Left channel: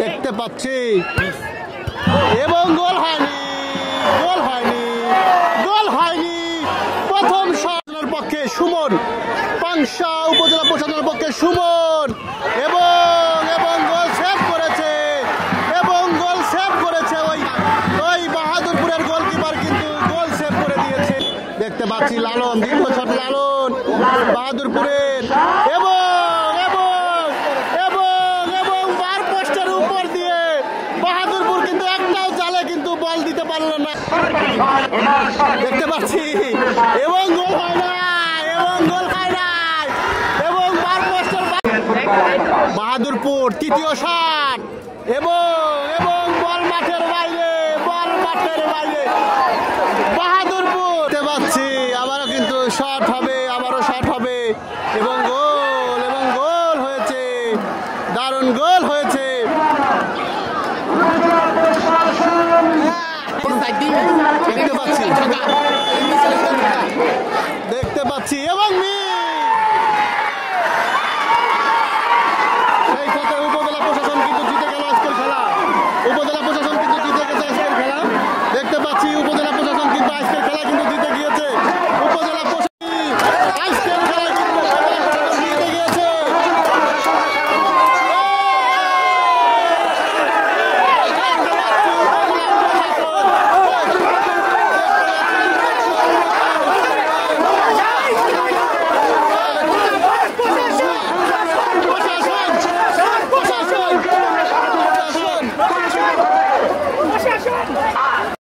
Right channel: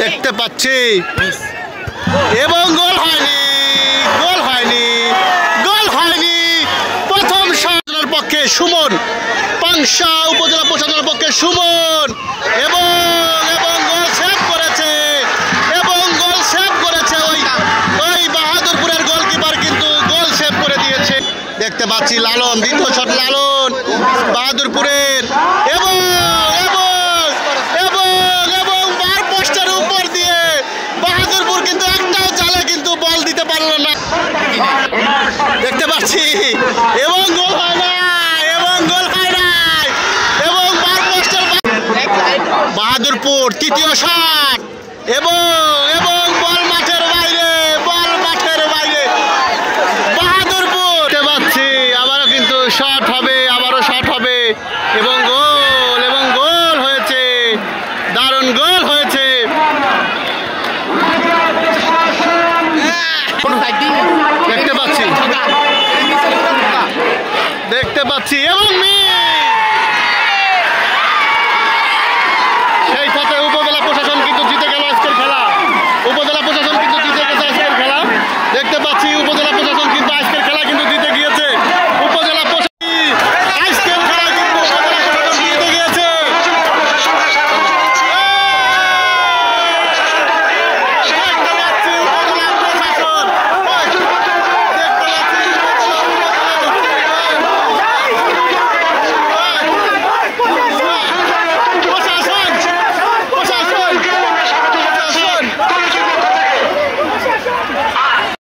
দেখতে পাচ্ছি এবং গোল হয়নি, গোল হয়নি, গোল হয়নি। প্রথম শটের পক্ষে সুমন, পাংশা উপজেলা প্রশাসনের পক্ষে সুমন এবং গোল সেভ করেছে, এবং গোল সেভ করেছে ওই বাহাদুরপুরের গোলকিপার, কিন্তু গোল সেভ করে দিয়েছে। দেখতে পাচ্ছি লালন, দ্বিতীয় শট লালন বাহাদুরপুরের, এবং বার পোস্টের উপর দিয়ে বাহাদুরপুর কিন্তু একটাও জালে কিন্তু বল দিতে পারলো না। দেখতে পাচ্ছি এবং গোল হয় না, এবং গোল হয় না, এবং বার পোস্টের বাহাদুরপুর তৃতীয় শট, এবং বল মাঠের বাইরে, বল মাঠের বাইরে। বাহাদুরপুর দেখতে পাচ্ছি আবারও কিন্তু শট হবে, আবারও শট হবে, এবং গোল হয়েছে, দারুণ গোল হয়েছে। দেখতে পাচ্ছি এবং সেই সাথে উপজেলা প্রশাসন কিন্তু জিতে গেল আজকের খেলা, উপজেলা প্রশাসন কিন্তু জিতে গেছে আজকের খেলা। দেখতে পাচ্ছি উপজেলা প্রশাসন